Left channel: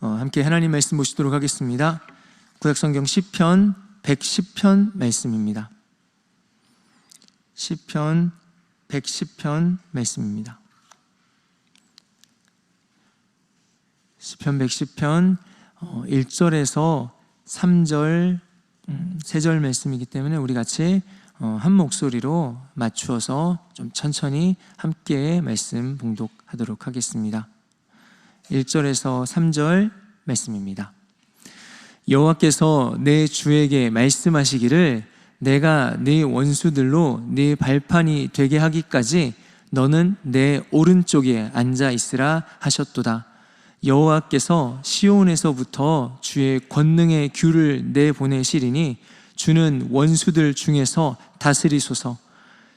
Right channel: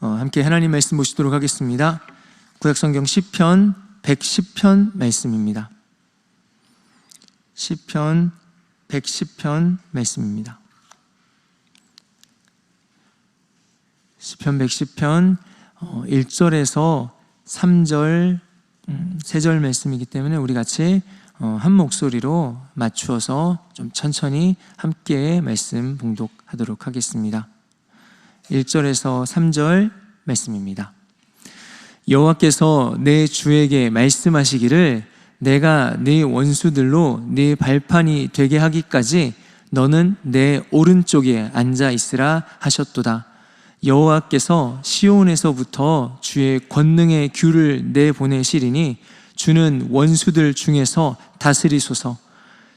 함께 하나님 말씀 보시도록 하겠습니다. 구약성경 시편 110편 말씀입니다. 시편 110편 말씀입니다. 시편 110편 1절에서 3절 세 절 말씀이기 때문에 우리 같이 한 목소리로 맞추어서 좀 천천히 함께 말씀 봉독하도록 하겠습니다. 1절에서 3절 말씀입니다. 여호와께서 내 주에게 말씀하시기를 내가 네 원수들로 네 발판이 되게 하기까지 너는 내 오른쪽에 앉아 있으라 하셨도다. 여호와께서 시온에서부터 주의 권능의 귤을 내보내시리니 주는 원수들 중에서 다스리소서.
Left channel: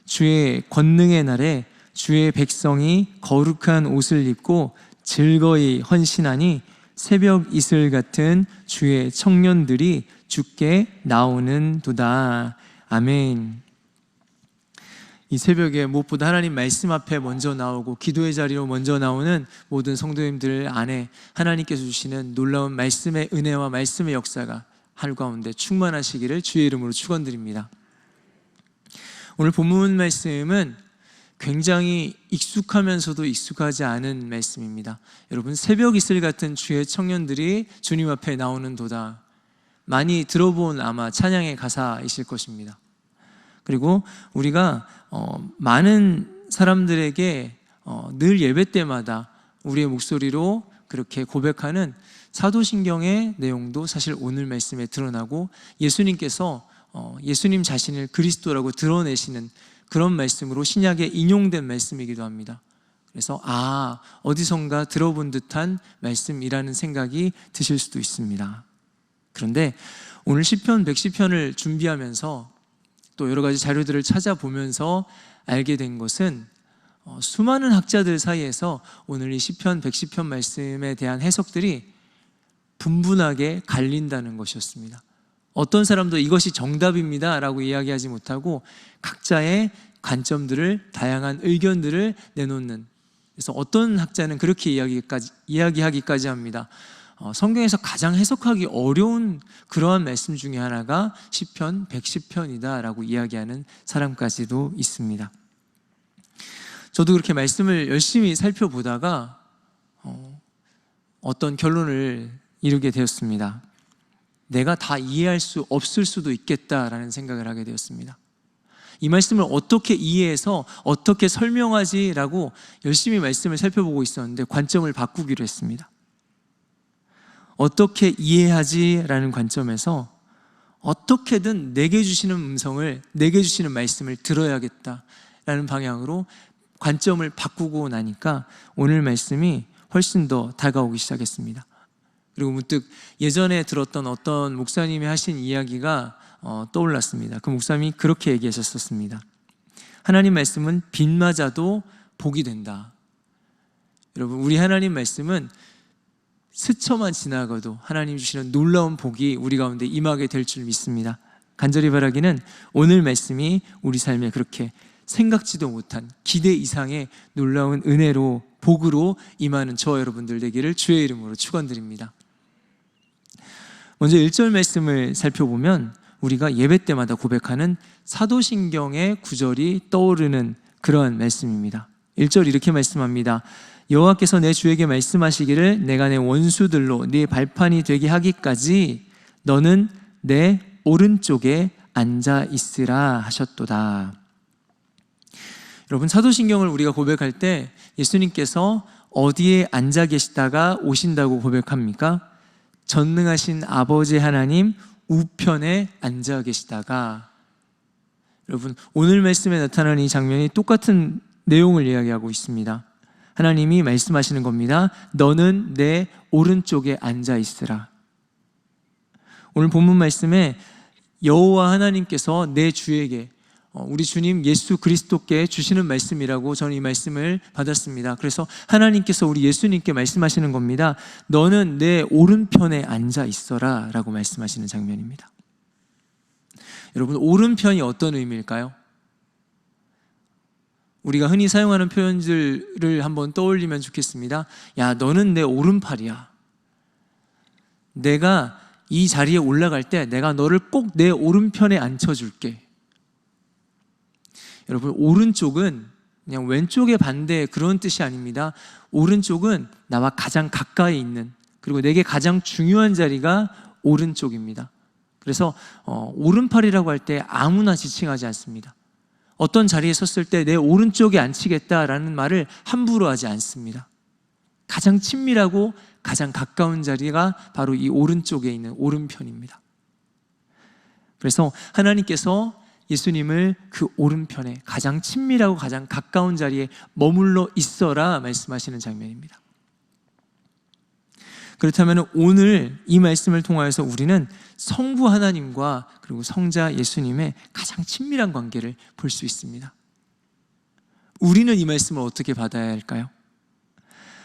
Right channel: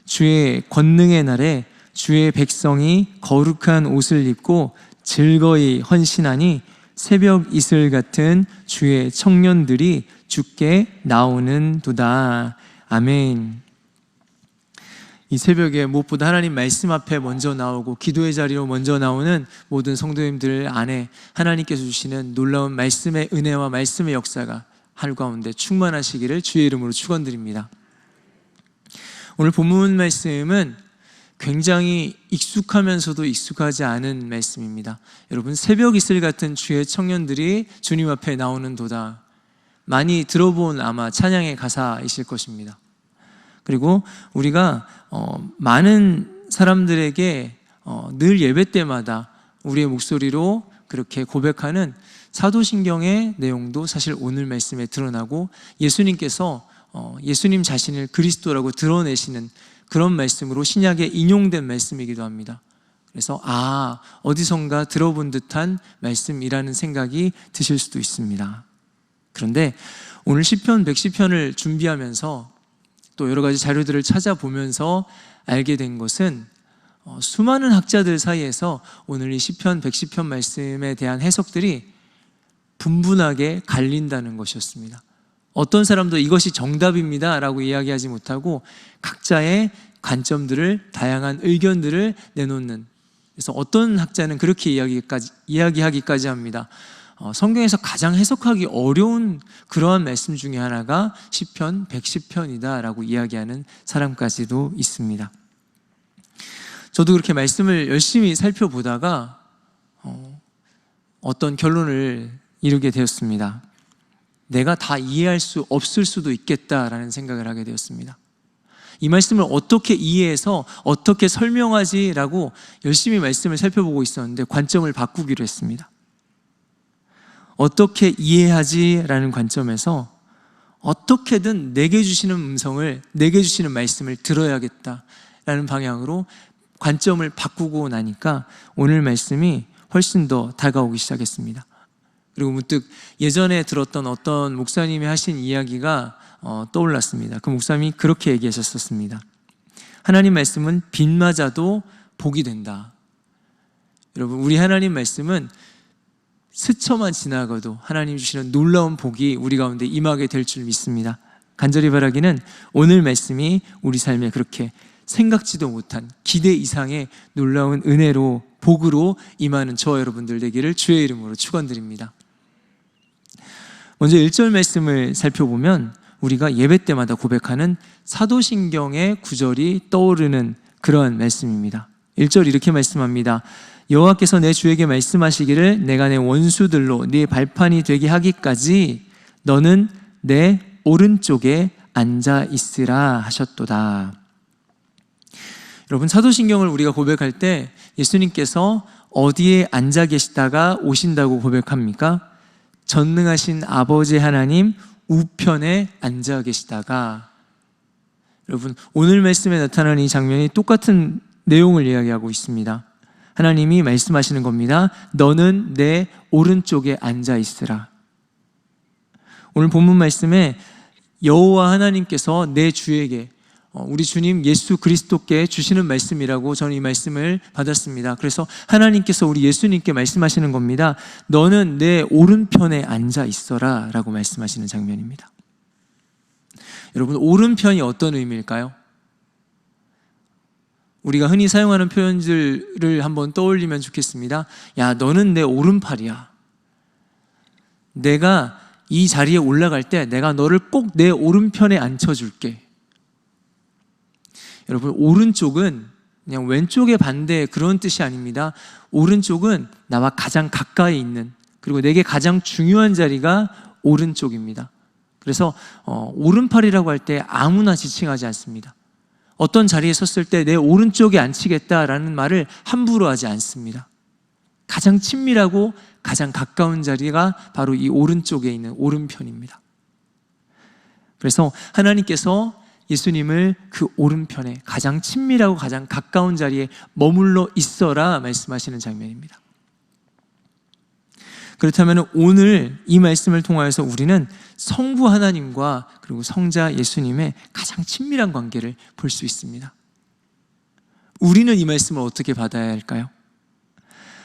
주의 권능의 날에 주의 백성이 거룩한 옷을 입고 즐거이 헌신하니 새벽 이슬 같은 주의 청년들이 주께 나오는도다. 아멘. 이 새벽에 무엇보다 하나님 말씀 앞에 먼저 나오고 기도의 자리로 먼저 나오는 모든 성도님들 안에 하나님께서 주시는 놀라운 말씀의 은혜와 말씀의 역사가 하늘 가운데 충만하시기를 주의 이름으로 축원드립니다. 오늘 본문 말씀은 굉장히 익숙하면서도 익숙하지 않은 말씀입니다. 여러분, 새벽 이슬 같은 주의 청년들이 주님 앞에 나오는도다. 많이 들어본 아마 찬양의 가사이실 것입니다. 그리고 우리가 많은 사람들에게 늘 예배 때마다 우리의 목소리로 그렇게 고백하는 사도신경의 내용도 사실 오늘 말씀에 드러나고 예수님께서 예수님 자신을 그리스도라고 드러내시는 그런 말씀으로 신약에 인용된 말씀이기도 합니다. 그래서 어디선가 들어본 듯한 말씀이라는 생각이 드실 수도 있습니다. 그런데 오늘 시편 110편을 준비하면서 또 여러 가지 자료들을 찾아보면서 알게 된 것은 수많은 학자들 사이에서 오늘 이 시편 110편 말씀에 대한 해석들이 분분하게 갈린다는 것이었습니다. 어떤 사람도 이것이 정답입니다 라고 이야기하지 못하고 각자의 관점들을, 다양한 의견들을 내놓는, 그래서 어떤 학자는 그렇게 이야기하기까지 합니다. 성경에서 가장 해석하기 어려운 그러한 말씀 중에 하나가 시편 110편이다 라고 이야기하는 사람까지도 있습니다. 저도 그렇게 말씀을 열심히 살펴보다가 어떤 결론을 이루게 되었습니다. 내가 다 이해할 수 없을 수도 있겠다라는 생각을 하게 되었습니다. 이 말씀을 어떻게 이해해서 어떻게 설명하지라고 열심히 말씀을 살펴보고 있었는데 관점을 바꾸기로 했습니다. 어떻게 이해하지라는 관점에서 어떻게든 내게 주시는 음성을, 내게 주시는 말씀을 들어야겠다라는 방향으로 관점을 바꾸고 나니까 오늘 말씀이 훨씬 더 다가오기 시작했습니다. 그리고 문득 예전에 들었던 어떤 목사님이 하신 이야기가 떠올랐습니다. 그 목사님이 그렇게 얘기하셨었습니다. 하나님 말씀은 비 맞아도 복이 된다. 여러분, 우리 하나님 말씀은 스쳐만 지나가도 하나님 주시는 놀라운 복이 우리 가운데 임하게 될 줄 믿습니다. 간절히 바라기는 오늘 말씀이 우리 삶에 그렇게 생각지도 못한 기대 이상의 놀라운 은혜로, 복으로 임하는 저와 여러분들 되기를 주의 이름으로 축원드립니다. 먼저 1절 말씀을 살펴보면 우리가 예배 때마다 고백하는 사도신경의 구절이 떠오르는 그러한 말씀입니다. 1절 이렇게 말씀합니다. 여호와께서 내 주에게 말씀하시기를 내가 내 원수들로 네 발판이 되게 하기까지 너는 내 오른쪽에 앉아 있으라 하셨도다. 여러분, 사도신경을 우리가 고백할 때 예수님께서 어디에 앉아 계시다가 오신다고 고백합니까? 전능하신 아버지 하나님 우편에 앉아 계시다가. 여러분, 오늘 말씀에 나타나는 이 장면이 똑같은 내용을 이야기하고 있습니다. 하나님이 말씀하시는 겁니다. 너는 내 오른쪽에 앉아 있으라. 오늘 본문 말씀에 여호와 하나님께서 내 주에게, 우리 주님 예수 그리스도께 주시는 말씀이라고 저는 이 말씀을 받았습니다. 그래서 하나님께서 우리 예수님께 말씀하시는 겁니다. 너는 내 오른편에 앉아 있어라 라고 말씀하시는 장면입니다. 여러분, 오른편이 어떤 의미일까요? 우리가 흔히 사용하는 표현들을 한번 떠올리면 좋겠습니다. 야, 너는 내 오른팔이야. 내가 이 자리에 올라갈 때 내가 너를 꼭 내 오른편에 앉혀줄게. 여러분, 오른쪽은 그냥 왼쪽의 반대 그런 뜻이 아닙니다. 오른쪽은 나와 가장 가까이 있는, 그리고 내게 가장 중요한 자리가 오른쪽입니다. 그래서 오른팔이라고 할 때 아무나 지칭하지 않습니다. 어떤 자리에 섰을 때 내 오른쪽에 앉히겠다라는 말을 함부로 하지 않습니다. 가장 친밀하고 가장 가까운 자리가 바로 이 오른쪽에 있는 오른편입니다. 그래서 하나님께서 예수님을 그 오른편에 가장 친밀하고 가장 가까운 자리에 머물러 있어라 말씀하시는 장면입니다. 그렇다면 오늘 이 말씀을 통하여서 우리는 성부 하나님과 그리고 성자 예수님의 가장 친밀한 관계를 볼 수 있습니다. 우리는 이 말씀을 어떻게 받아야 할까요?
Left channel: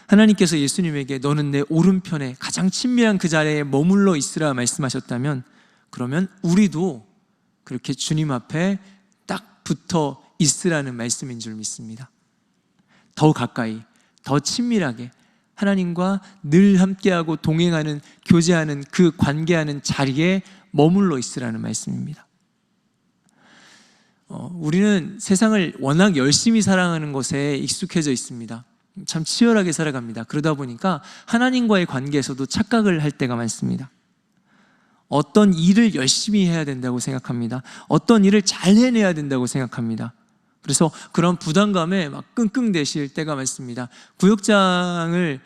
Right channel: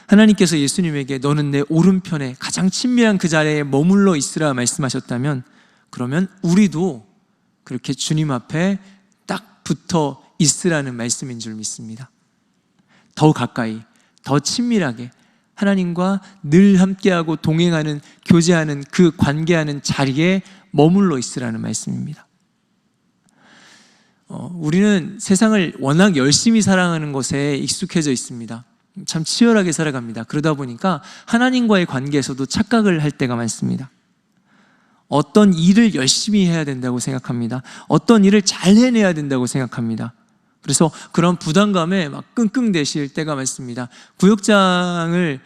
하나님께서 예수님에게 너는 내 오른편에 가장 친밀한 그 자리에 머물러 있으라 말씀하셨다면, 그러면 우리도 그렇게 주님 앞에 딱 붙어 있으라는 말씀인 줄 믿습니다. 더 가까이, 더 친밀하게 하나님과 늘 함께하고 동행하는, 교제하는 그 관계하는 자리에 머물러 있으라는 말씀입니다. 우리는 세상을 워낙 열심히 사랑하는 것에 익숙해져 있습니다. 참 치열하게 살아갑니다. 그러다 보니까 하나님과의 관계에서도 착각을 할 때가 많습니다. 어떤 일을 열심히 해야 된다고 생각합니다. 어떤 일을 잘 해내야 된다고 생각합니다. 그래서 그런 부담감에 막 끙끙대실 때가 많습니다. 구역장을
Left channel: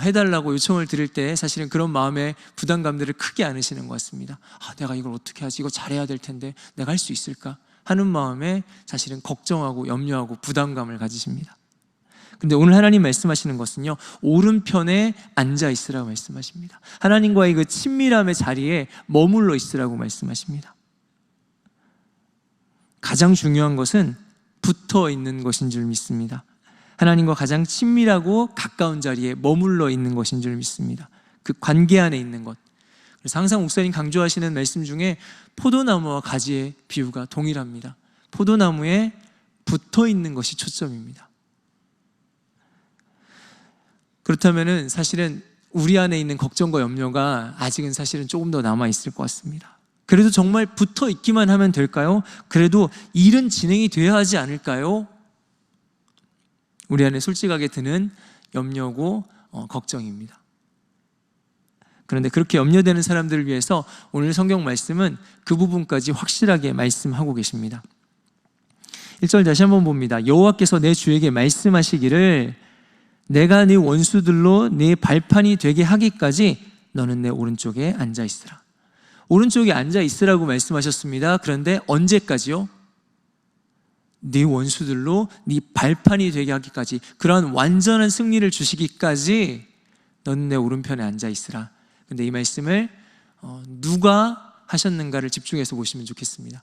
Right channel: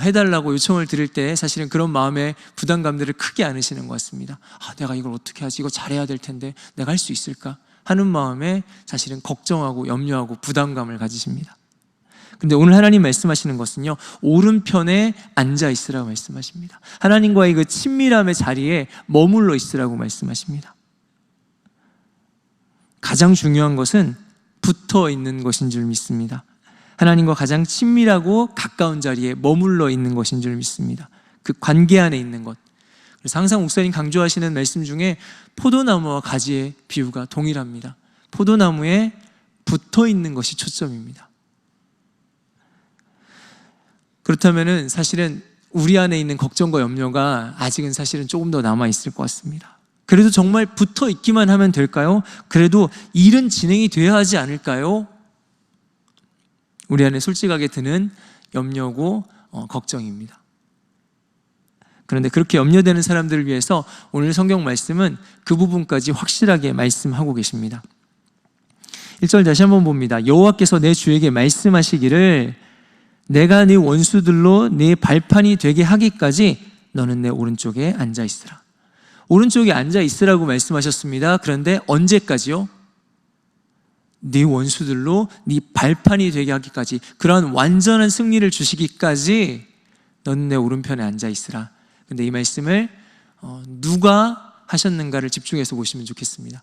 해달라고 요청을 드릴 때 사실은 그런 마음의 부담감들을 크게 안으시는 것 같습니다. 내가 이걸 어떻게 하지? 이거 잘해야 될 텐데 내가 할 수 있을까? 하는 마음에 사실은 걱정하고 염려하고 부담감을 가지십니다. 근데 오늘 하나님 말씀하시는 것은요, 오른편에 앉아 있으라고 말씀하십니다. 하나님과의 그 친밀함의 자리에 머물러 있으라고 말씀하십니다. 가장 중요한 것은 붙어 있는 것인 줄 믿습니다. 하나님과 가장 친밀하고 가까운 자리에 머물러 있는 것인 줄 믿습니다. 그 관계 안에 있는 것. 그래서 항상 목사님 강조하시는 말씀 중에 포도나무와 가지의 비유가 동일합니다. 포도나무에 붙어 있는 것이 초점입니다. 그렇다면은 사실은 우리 안에 있는 걱정과 염려가 아직은 사실은 조금 더 남아 있을 것 같습니다. 그래도 정말 붙어 있기만 하면 될까요? 그래도 일은 진행이 돼야 하지 않을까요? 우리 안에 솔직하게 드는 염려고 걱정입니다. 그런데 그렇게 염려되는 사람들을 위해서 오늘 성경 말씀은 그 부분까지 확실하게 말씀하고 계십니다. 1절 다시 한번 봅니다. 여호와께서 내 주에게 말씀하시기를 내가 네 원수들로 네 발판이 되게 하기까지 너는 내 오른쪽에 앉아 있으라. 오른쪽에 앉아 있으라고 말씀하셨습니다. 그런데 언제까지요? 네 원수들로 네 발판이 되게 하기까지, 그런 완전한 승리를 주시기까지 너는 내 오른편에 앉아 있으라. 근데 이 말씀을 누가 하셨는가를 집중해서 보시면 좋겠습니다.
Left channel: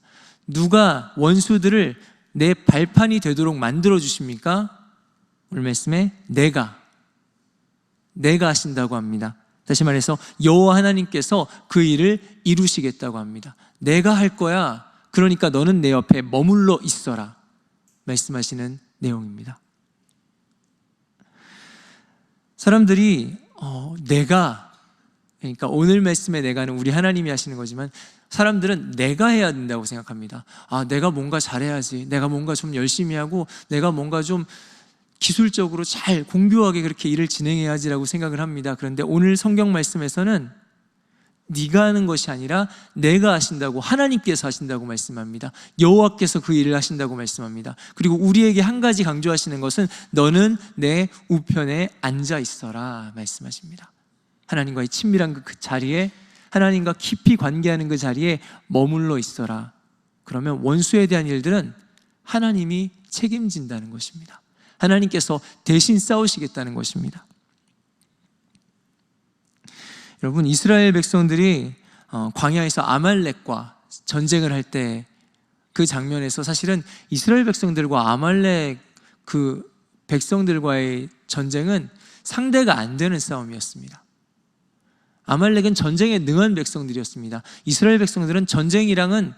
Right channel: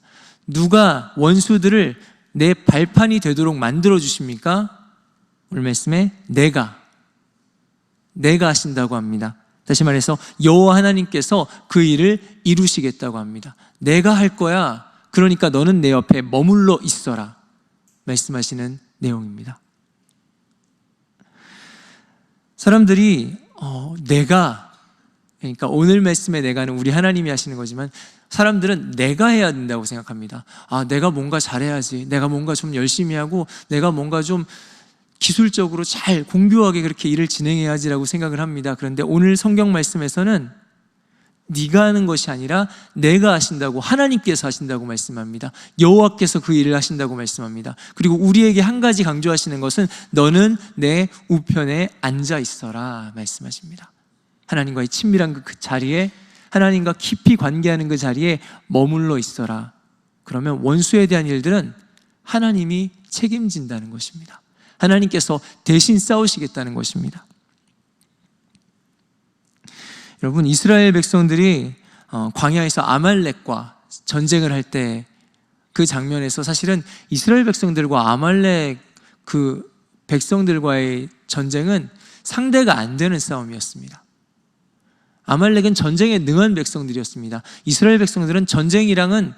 누가 원수들을 내 발판이 되도록 만들어 주십니까? 오늘 말씀에 내가 하신다고 합니다. 다시 말해서 여호와 하나님께서 그 일을 이루시겠다고 합니다. 내가 할 거야. 그러니까 너는 내 옆에 머물러 있어라 말씀하시는 내용입니다. 사람들이 내가, 그러니까 오늘 말씀의 내가는 우리 하나님이 하시는 거지만 사람들은 내가 해야 된다고 생각합니다. 내가 뭔가 잘해야지, 내가 뭔가 좀 열심히 하고 내가 뭔가 좀 기술적으로 잘 공교하게 그렇게 일을 진행해야지라고 생각을 합니다. 그런데 오늘 성경 말씀에서는 네가 하는 것이 아니라 내가 하신다고, 하나님께서 하신다고 말씀합니다. 여호와께서 그 일을 하신다고 말씀합니다. 그리고 우리에게 한 가지 강조하시는 것은 너는 내 우편에 앉아 있어라 말씀하십니다. 하나님과의 친밀한 그 자리에, 하나님과 깊이 관계하는 그 자리에 머물러 있어라. 그러면 원수에 대한 일들은 하나님이 책임진다는 것입니다. 하나님께서 대신 싸우시겠다는 것입니다. 여러분, 이스라엘 백성들이 광야에서 아말렉과 전쟁을 할 때 그 장면에서 사실은 이스라엘 백성들과 아말렉 그 백성들과의 전쟁은 상대가 안 되는 싸움이었습니다. 아말렉은 전쟁에 능한 백성들이었습니다. 이스라엘 백성들은 전쟁이랑은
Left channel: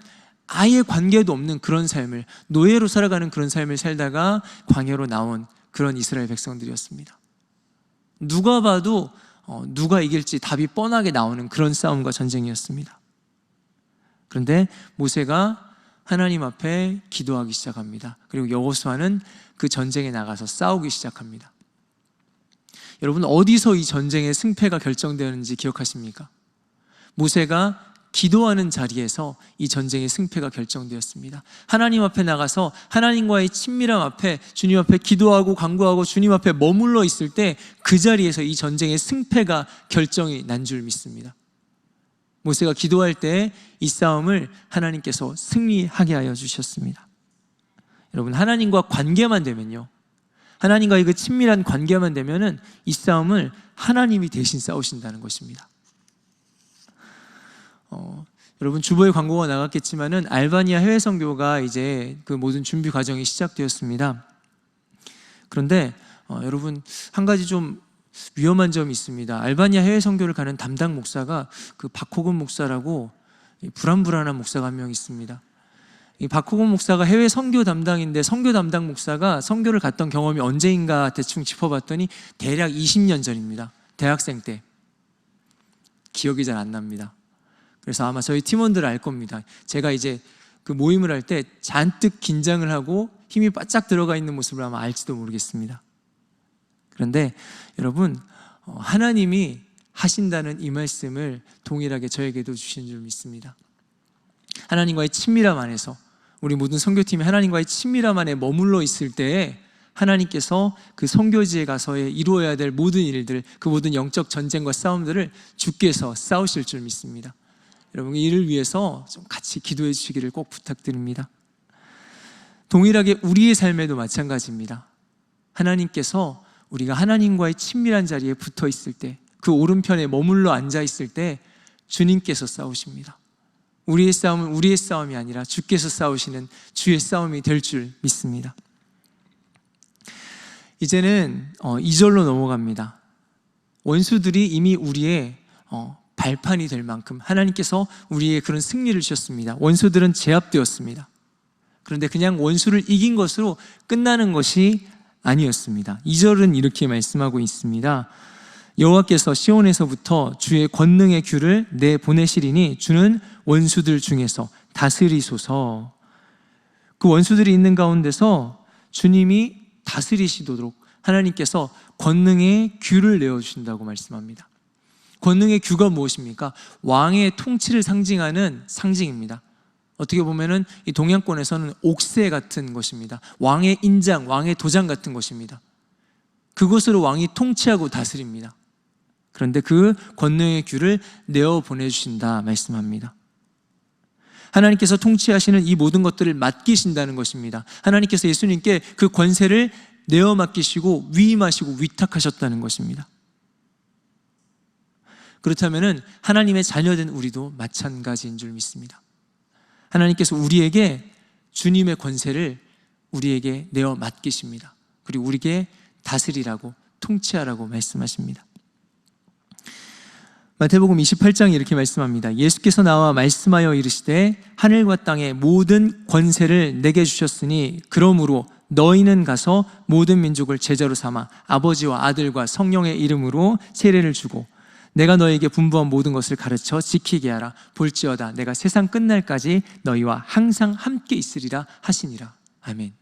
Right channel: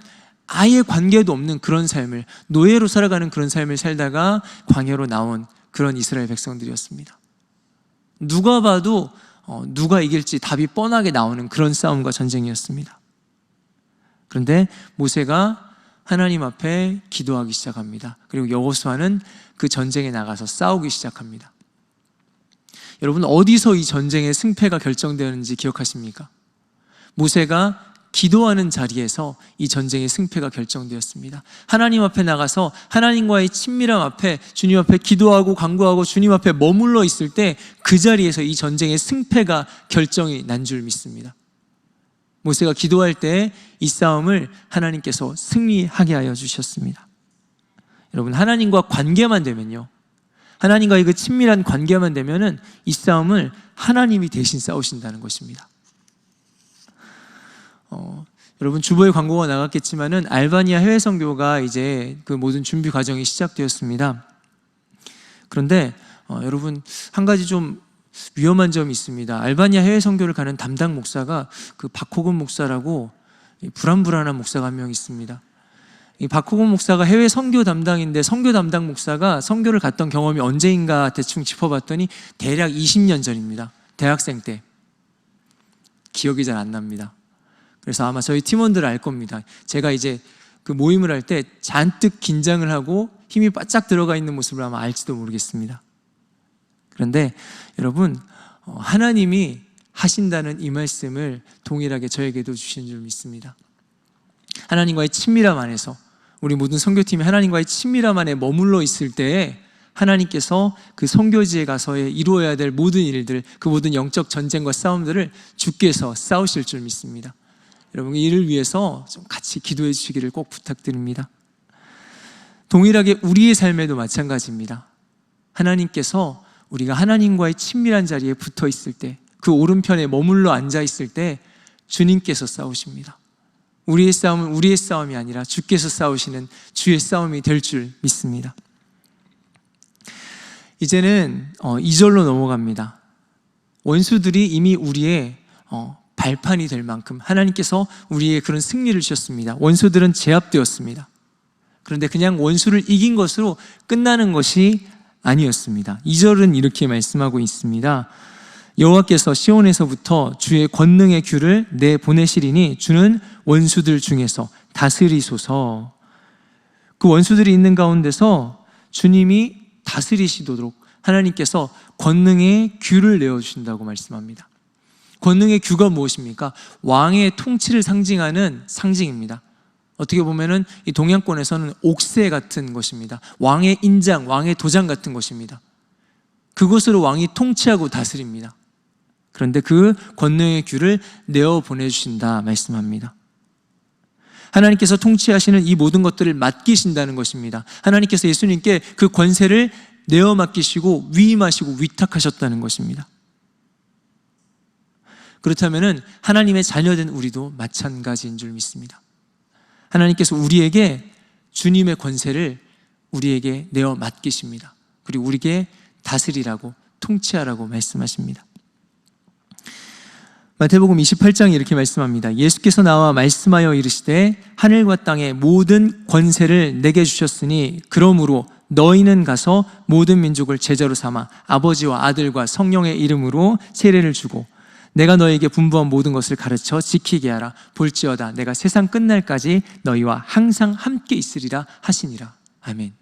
아예 관계도 없는 그런 삶을, 노예로 살아가는 그런 삶을 살다가 광야로 나온 그런 이스라엘 백성들이었습니다. 누가 봐도 누가 이길지 답이 뻔하게 나오는 그런 싸움과 전쟁이었습니다. 그런데 모세가 하나님 앞에 기도하기 시작합니다. 그리고 여호수아는 그 전쟁에 나가서 싸우기 시작합니다. 여러분, 어디서 이 전쟁의 승패가 결정되는지 기억하십니까? 모세가 기도하는 자리에서 이 전쟁의 승패가 결정되었습니다. 하나님 앞에 나가서 하나님과의 친밀함 앞에 주님 앞에 기도하고 간구하고 주님 앞에 머물러 있을 때 그 자리에서 이 전쟁의 승패가 결정이 난 줄 믿습니다. 모세가 기도할 때 이 싸움을 하나님께서 승리하게 하여 주셨습니다. 여러분, 하나님과 관계만 되면요, 하나님과의 그 친밀한 관계만 되면은 이 싸움을 하나님이 대신 싸우신다는 것입니다. 여러분, 주보에 광고가 나갔겠지만은 알바니아 해외 선교가 이제 그 모든 준비 과정이 시작되었습니다. 그런데 여러분, 한 가지 좀 위험한 점이 있습니다. 알바니아 해외 선교를 가는 담당 목사가 그 박호근 목사라고 불안불안한 목사가 한 명 있습니다. 이 박호근 목사가 해외 선교 담당인데, 선교 담당 목사가 선교를 갔던 경험이 언제인가 대충 짚어봤더니 대략 20년 전입니다. 대학생 때. 기억이 잘 안 납니다. 그래서 아마 저희 팀원들 알 겁니다. 제가 이제 그 모임을 할 때 잔뜩 긴장을 하고 힘이 바짝 들어가 있는 모습을 아마 알지도 모르겠습니다. 그런데 여러분, 하나님이 하신다는 이 말씀을 동일하게 저에게도 주신 줄 믿습니다. 하나님과의 친밀함 안에서, 우리 모든 선교팀이 하나님과의 친밀함 안에 머물러 있을 때에 하나님께서 그 선교지에 가서 이루어야 될 모든 일들, 그 모든 영적 전쟁과 싸움들을 주께서 싸우실 줄 믿습니다. 여러분, 이를 위해서 좀 같이 기도해 주시기를 꼭 부탁드립니다. 동일하게 우리의 삶에도 마찬가지입니다. 하나님께서 우리가 하나님과의 친밀한 자리에 붙어 있을 때, 그 오른편에 머물러 앉아 있을 때 주님께서 싸우십니다. 우리의 싸움은 우리의 싸움이 아니라 주께서 싸우시는 주의 싸움이 될 줄 믿습니다. 이제는 2절로 넘어갑니다. 원수들이 이미 우리의 발판이 될 만큼 하나님께서 우리의 그런 승리를 주셨습니다. 원수들은 제압되었습니다. 그런데 그냥 원수를 이긴 것으로 끝나는 것이 아니었습니다. 2절은 이렇게 말씀하고 있습니다. 여호와께서 시온에서부터 주의 권능의 귤을 내보내시리니 주는 원수들 중에서 다스리소서. 그 원수들이 있는 가운데서 주님이 다스리시도록 하나님께서 권능의 귤을 내어주신다고 말씀합니다. 권능의 귤가 무엇입니까? 왕의 통치를 상징하는 상징입니다. 어떻게 보면은 이 동양권에서는 옥새 같은 것입니다. 왕의 인장, 왕의 도장 같은 것입니다. 그것으로 왕이 통치하고 다스립니다. 그런데 그 권능의 귤을 내어 보내주신다 말씀합니다. 하나님께서 통치하시는 이 모든 것들을 맡기신다는 것입니다. 하나님께서 예수님께 그 권세를 내어 맡기시고 위임하시고 위탁하셨다는 것입니다. 그렇다면 하나님의 자녀된 우리도 마찬가지인 줄 믿습니다. 하나님께서 우리에게 주님의 권세를 우리에게 내어 맡기십니다. 그리고 우리에게 다스리라고, 통치하라고 말씀하십니다. 마태복음 28장에 이렇게 말씀합니다. 예수께서 나와 말씀하여 이르시되 하늘과 땅의 모든 권세를 내게 주셨으니 그러므로 너희는 가서 모든 민족을 제자로 삼아 아버지와 아들과 성령의 이름으로 세례를 주고 내가 너에게 분부한 모든 것을 가르쳐 지키게 하라. 볼지어다 내가 세상 끝날까지 너희와 항상 함께 있으리라 하시니라. 아멘.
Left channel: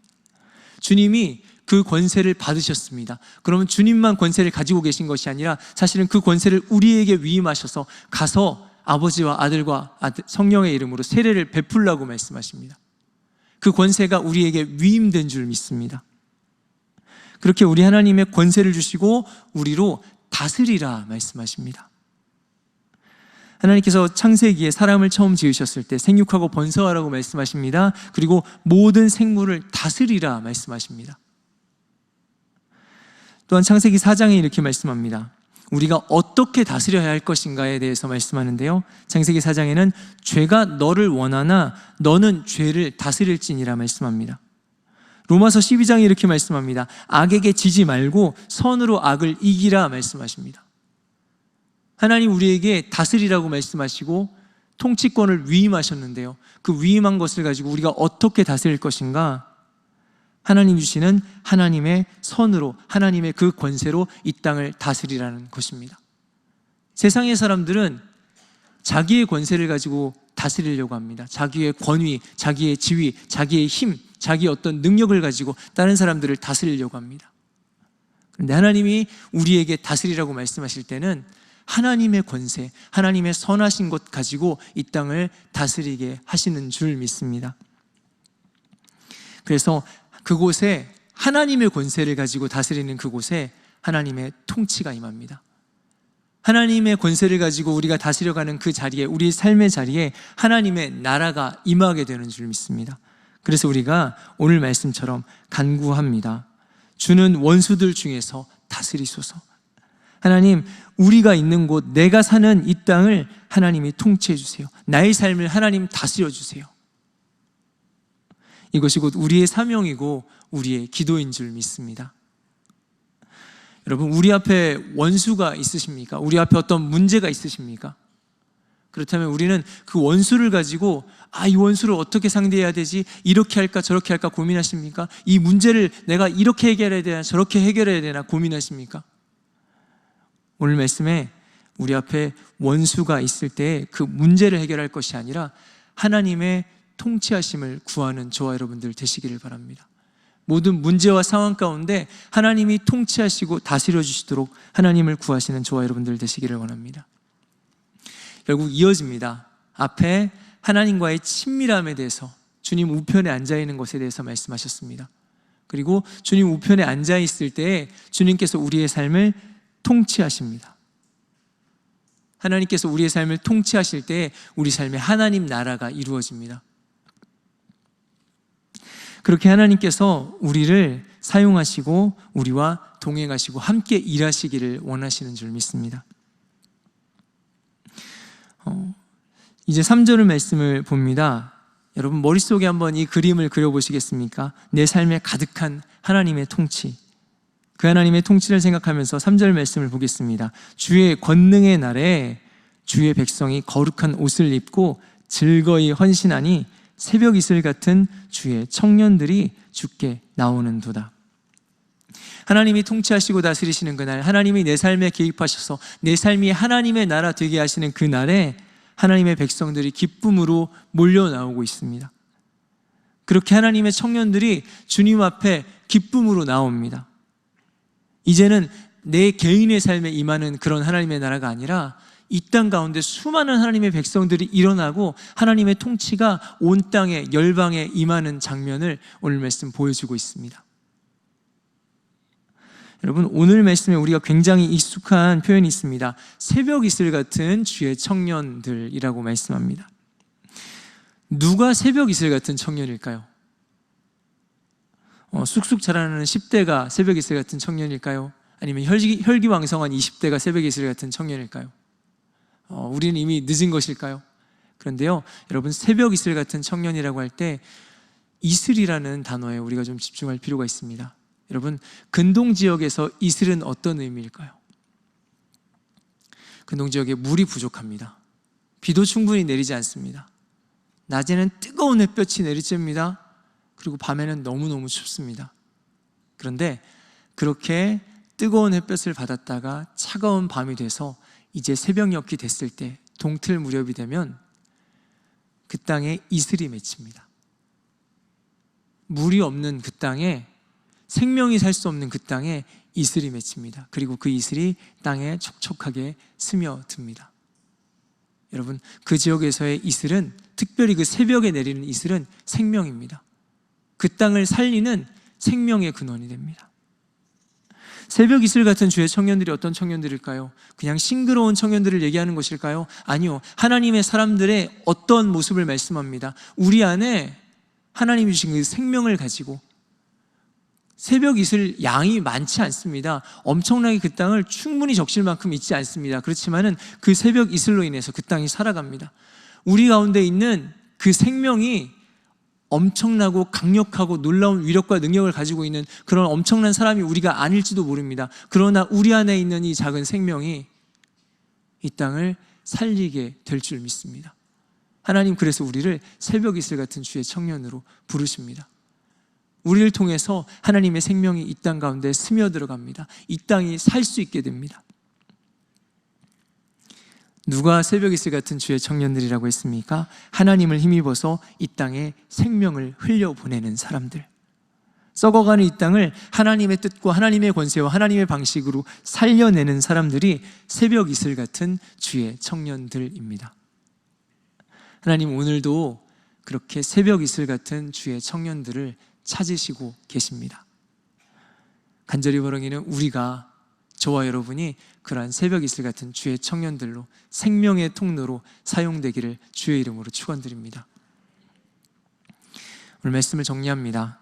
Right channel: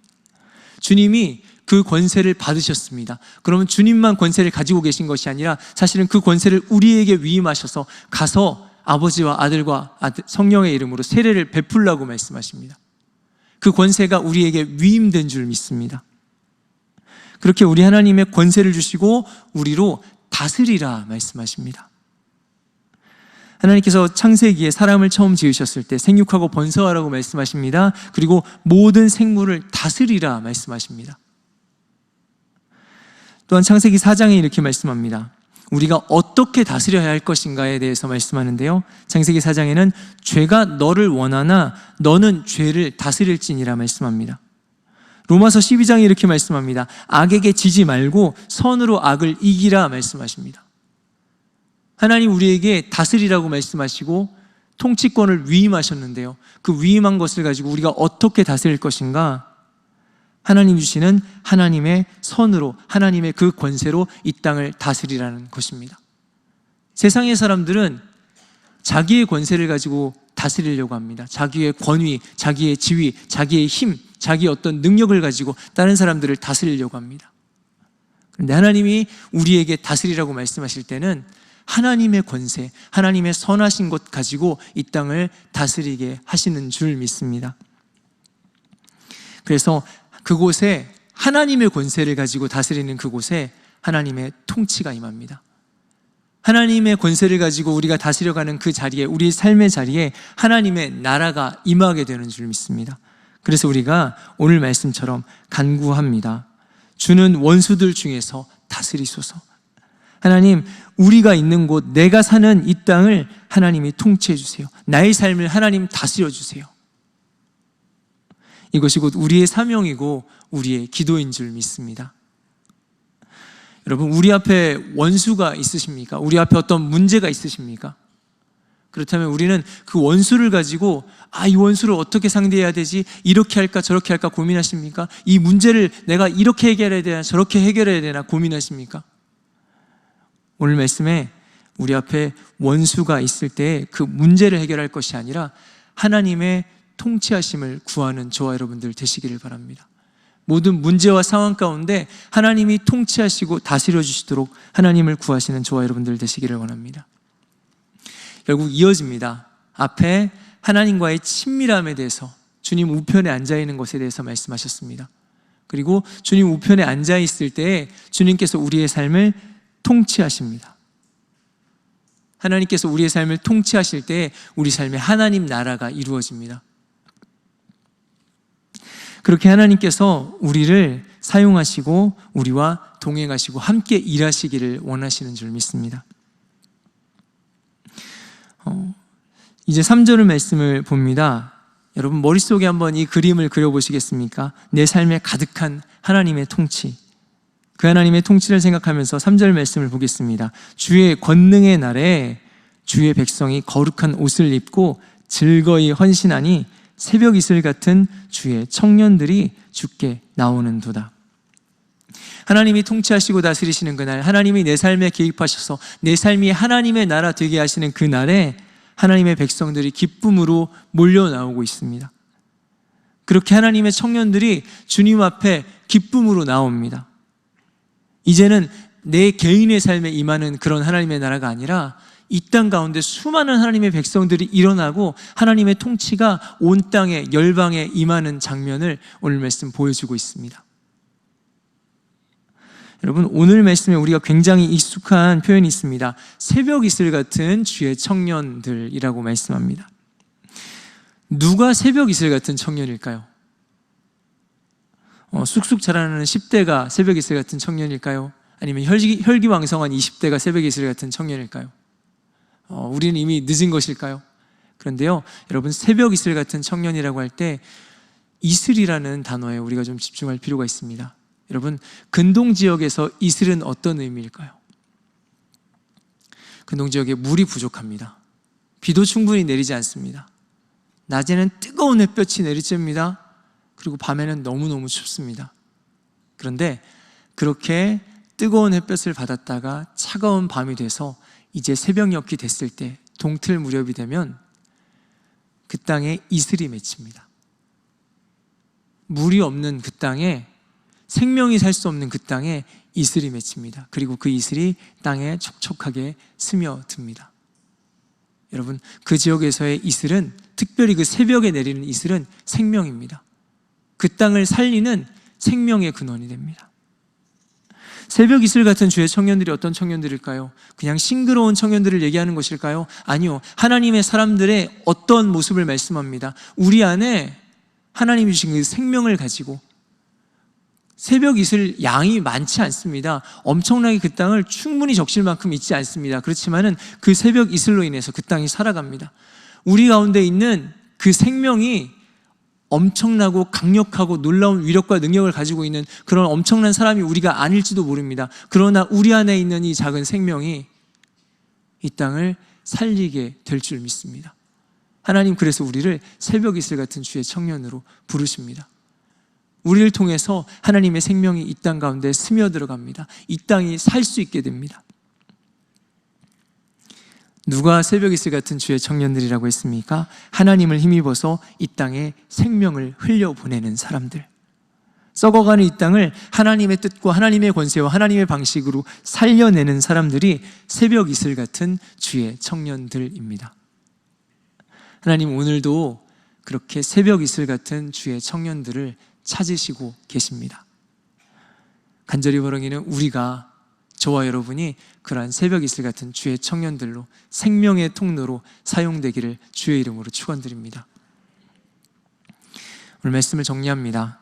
주님이 그 권세를 받으셨습니다. 그러면 주님만 권세를 가지고 계신 것이 아니라 사실은 그 권세를 우리에게 위임하셔서 가서 아버지와 아들과 성령의 이름으로 세례를 베풀라고 말씀하십니다. 그 권세가 우리에게 위임된 줄 믿습니다. 그렇게 우리 하나님의 권세를 주시고 우리로 다스리라 말씀하십니다. 하나님께서 창세기에 사람을 처음 지으셨을 때 생육하고 번성하라고 말씀하십니다. 그리고 모든 생물을 다스리라 말씀하십니다. 또한 창세기 4장에 이렇게 말씀합니다. 우리가 어떻게 다스려야 할 것인가에 대해서 말씀하는데요, 창세기 4장에는 죄가 너를 원하나 너는 죄를 다스릴지니라 말씀합니다. 로마서 12장에 이렇게 말씀합니다. 악에게 지지 말고 선으로 악을 이기라 말씀하십니다. 하나님 우리에게 다스리라고 말씀하시고 통치권을 위임하셨는데요, 그 위임한 것을 가지고 우리가 어떻게 다스릴 것인가? 하나님 주시는 하나님의 선으로, 하나님의 그 권세로 이 땅을 다스리라는 것입니다. 세상의 사람들은 자기의 권세를 가지고 다스리려고 합니다. 자기의 권위, 자기의 지위, 자기의 힘, 자기의 어떤 능력을 가지고 다른 사람들을 다스리려고 합니다. 그런데 하나님이 우리에게 다스리라고 말씀하실 때는 하나님의 권세, 하나님의 선하신 것 가지고 이 땅을 다스리게 하시는 줄 믿습니다. 그래서 그곳에 하나님의 권세를 가지고 다스리는 그곳에 하나님의 통치가 임합니다. 하나님의 권세를 가지고 우리가 다스려가는 그 자리에, 우리의 삶의 자리에 하나님의 나라가 임하게 되는 줄 믿습니다. 그래서 우리가 오늘 말씀처럼 간구합니다. 주는 원수들 중에서 다스리소서. 하나님, 우리가 있는 곳, 내가 사는 이 땅을 하나님이 통치해 주세요. 나의 삶을 하나님 다스려 주세요. 이것이 곧 우리의 사명이고 우리의 기도인 줄 믿습니다. 여러분, 우리 앞에 원수가 있으십니까? 우리 앞에 어떤 문제가 있으십니까? 그렇다면 우리는 그 원수를 가지고 이 원수를 어떻게 상대해야 되지? 이렇게 할까 저렇게 할까 고민하십니까? 이 문제를 내가 이렇게 해결해야 되나 저렇게 해결해야 되나 고민하십니까? 오늘 말씀에 우리 앞에 원수가 있을 때 그 문제를 해결할 것이 아니라 하나님의 통치하심을 구하는 저와 여러분들 되시기를 바랍니다. 모든 문제와 상황 가운데 하나님이 통치하시고 다스려 주시도록 하나님을 구하시는 저와 여러분들 되시기를 원합니다. 결국 이어집니다. 앞에 하나님과의 친밀함에 대해서, 주님 우편에 앉아 있는 것에 대해서 말씀하셨습니다. 그리고 주님 우편에 앉아 있을 때 주님께서 우리의 삶을 통치하십니다. 하나님께서 우리의 삶을 통치하실 때 우리 삶에 하나님 나라가 이루어집니다. 그렇게 하나님께서 우리를 사용하시고 우리와 동행하시고 함께 일하시기를 원하시는 줄 믿습니다. 이제 3절 말씀을 봅니다. 여러분 머릿속에 한번 이 그림을 그려보시겠습니까? 내 삶에 가득한 하나님의 통치, 그 하나님의 통치를 생각하면서 3절 말씀을 보겠습니다. 주의 권능의 날에 주의 백성이 거룩한 옷을 입고 즐거이 헌신하니 새벽 이슬 같은 주의 청년들이 주께 나오는도다. 하나님이 통치하시고 다스리시는 그날, 하나님이 내 삶에 개입하셔서 내 삶이 하나님의 나라 되게 하시는 그날에 하나님의 백성들이 기쁨으로 몰려 나오고 있습니다. 그렇게 하나님의 청년들이 주님 앞에 기쁨으로 나옵니다. 이제는 내 개인의 삶에 임하는 그런 하나님의 나라가 아니라 이 땅 가운데 수많은 하나님의 백성들이 일어나고 하나님의 통치가 온 땅에 열방에 임하는 장면을 오늘 말씀 보여주고 있습니다. 여러분, 오늘 말씀에 우리가 굉장히 익숙한 표현이 있습니다. 새벽 이슬 같은 주의 청년들이라고 말씀합니다. 누가 새벽 이슬 같은 청년일까요? 쑥쑥 자라나는 10대가 새벽 이슬 같은 청년일까요? 아니면 혈기왕성한 20대가 새벽 이슬 같은 청년일까요? 우리는 이미 늦은 것일까요? 그런데요, 여러분, 새벽 이슬 같은 청년이라고 할 때 이슬이라는 단어에 우리가 좀 집중할 필요가 있습니다. 여러분, 근동 지역에서 이슬은 어떤 의미일까요? 근동 지역에 물이 부족합니다. 비도 충분히 내리지 않습니다. 낮에는 뜨거운 햇볕이 내리쬐니다. 그리고 밤에는 너무너무 춥습니다. 그런데 그렇게 뜨거운 햇볕을 받았다가 차가운 밤이 돼서 이제 새벽녘이 됐을 때, 동틀 무렵이 되면 그 땅에 이슬이 맺힙니다. 물이 없는 그 땅에, 생명이 살 수 없는 그 땅에 이슬이 맺힙니다. 그리고 그 이슬이 땅에 촉촉하게 스며듭니다. 여러분, 그 지역에서의 이슬은, 특별히 그 새벽에 내리는 이슬은 생명입니다. 그 땅을 살리는 생명의 근원이 됩니다. 새벽 이슬 같은 주의 청년들이 어떤 청년들일까요? 그냥 싱그러운 청년들을 얘기하는 것일까요? 아니요, 하나님의 사람들의 어떤 모습을 말씀합니다. 우리 안에 하나님이 주신 그 생명을 가지고, 새벽 이슬 양이 많지 않습니다. 엄청나게 그 땅을 충분히 적실 만큼 있지 않습니다. 그렇지만은 그 새벽 이슬로 인해서 그 땅이 살아갑니다. 우리 가운데 있는 그 생명이 엄청나고 강력하고 놀라운 위력과 능력을 가지고 있는 그런 엄청난 사람이 우리가 아닐지도 모릅니다. 그러나 우리 안에 있는 이 작은 생명이 이 땅을 살리게 될 줄 믿습니다. 하나님, 그래서 우리를 새벽 이슬 같은 주의 청년으로 부르십니다. 우리를 통해서 하나님의 생명이 이 땅 가운데 스며들어갑니다. 이 땅이 살 수 있게 됩니다. 누가 새벽 이슬 같은 주의 청년들이라고 했습니까? 하나님을 힘입어서 이 땅에 생명을 흘려보내는 사람들, 썩어가는 이 땅을 하나님의 뜻과 하나님의 권세와 하나님의 방식으로 살려내는 사람들이 새벽 이슬 같은 주의 청년들입니다. 하나님 오늘도 그렇게 새벽 이슬 같은 주의 청년들을 찾으시고 계십니다. 간절히 바라기는 우리가, 저와 여러분이 그러한 새벽 이슬 같은 주의 청년들로 생명의 통로로 사용되기를 주의 이름으로 축원드립니다. 오늘 말씀을 정리합니다.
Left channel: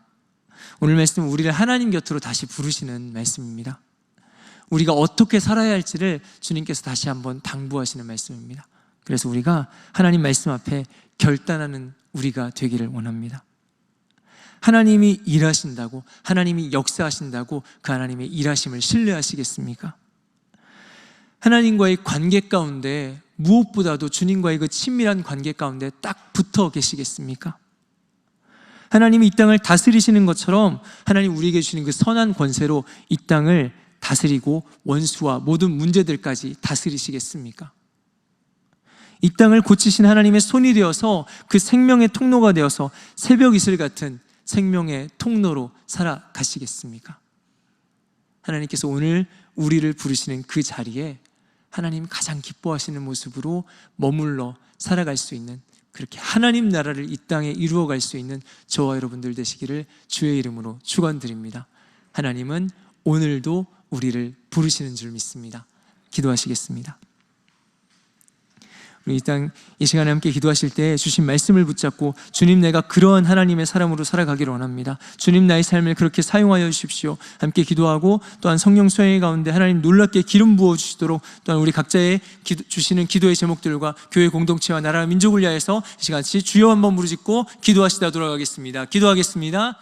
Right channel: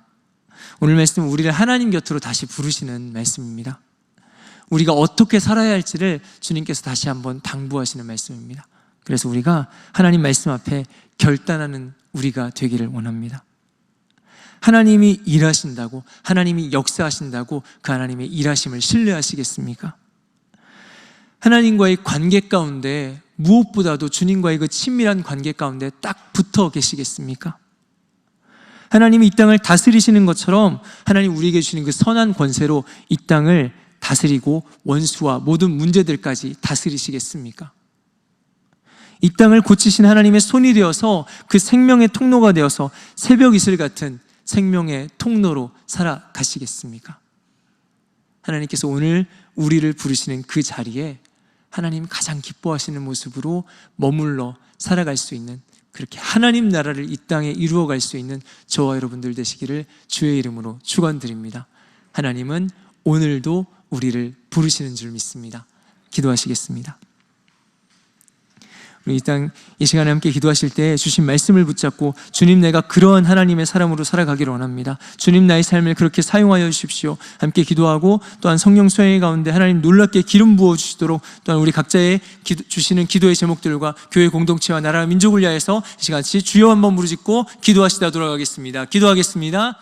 오늘 말씀은 우리를 하나님 곁으로 다시 부르시는 말씀입니다. 우리가 어떻게 살아야 할지를 주님께서 다시 한번 당부하시는 말씀입니다. 그래서 우리가 하나님 말씀 앞에 결단하는 우리가 되기를 원합니다. 하나님이 일하신다고, 하나님이 역사하신다고 그 하나님의 일하심을 신뢰하시겠습니까? 하나님과의 관계 가운데 무엇보다도 주님과의 그 친밀한 관계 가운데 딱 붙어 계시겠습니까? 하나님이 이 땅을 다스리시는 것처럼 하나님 우리에게 주신 그 선한 권세로 이 땅을 다스리고 원수와 모든 문제들까지 다스리시겠습니까? 이 땅을 고치신 하나님의 손이 되어서 그 생명의 통로가 되어서 새벽 이슬 같은 생명의 통로로 살아가시겠습니까? 하나님께서 오늘 우리를 부르시는 그 자리에 하나님 가장 기뻐하시는 모습으로 머물러 살아갈 수 있는, 그렇게 하나님 나라를 이 땅에 이루어갈 수 있는 저와 여러분들 되시기를 주의 이름으로 축원드립니다. 하나님은 오늘도 우리를 부르시는 줄 믿습니다. 기도하시겠습니다. 우리 이 시간에 함께 기도하실 때 주신 말씀을 붙잡고, 주님 내가 그러한 하나님의 사람으로 살아가기를 원합니다. 주님 나의 삶을 그렇게 사용하여 주십시오. 함께 기도하고 또한 성령 수행의 가운데 하나님 놀랍게 기름 부어 주시도록, 또한 우리 각자의 주시는 기도의 제목들과 교회 공동체와 나라 민족을 위하여서 이 시간 같이 주여 한번 부르짖고 기도하시다 돌아가겠습니다. 기도하겠습니다.